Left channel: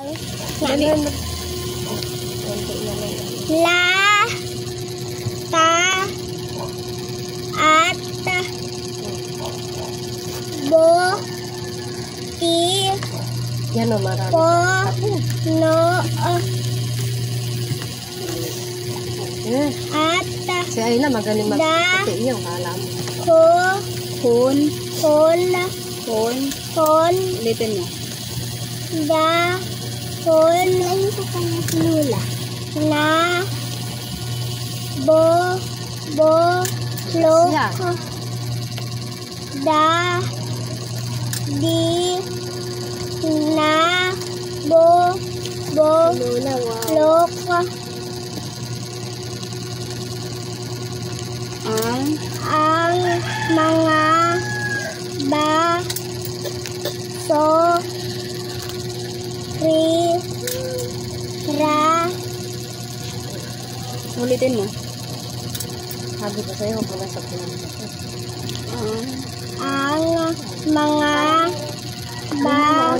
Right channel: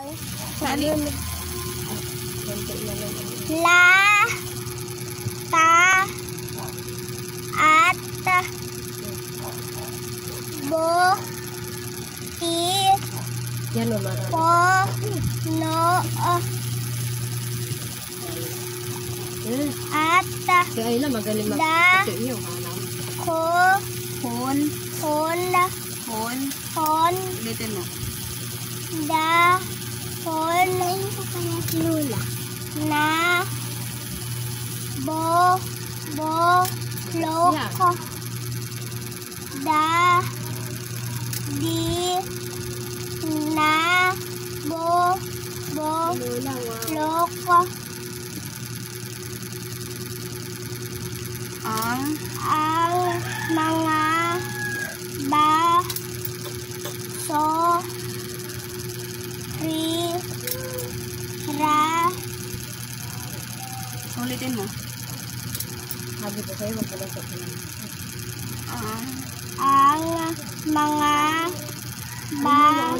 La, ta, at, bo, ti, Yan o, marami. po, no, at, Si Ayla magaling Da. magpati yung alam. ko, Kun. kol, Kun. kon, Ulitin mo. da, kon, lula, na, bo, lok, da, di, na, bo, lok, ang mga baso, ra, Ulitin mo. Sabi ko sa'yo, huwag mo lang sabihin. ang mga Ano, baso,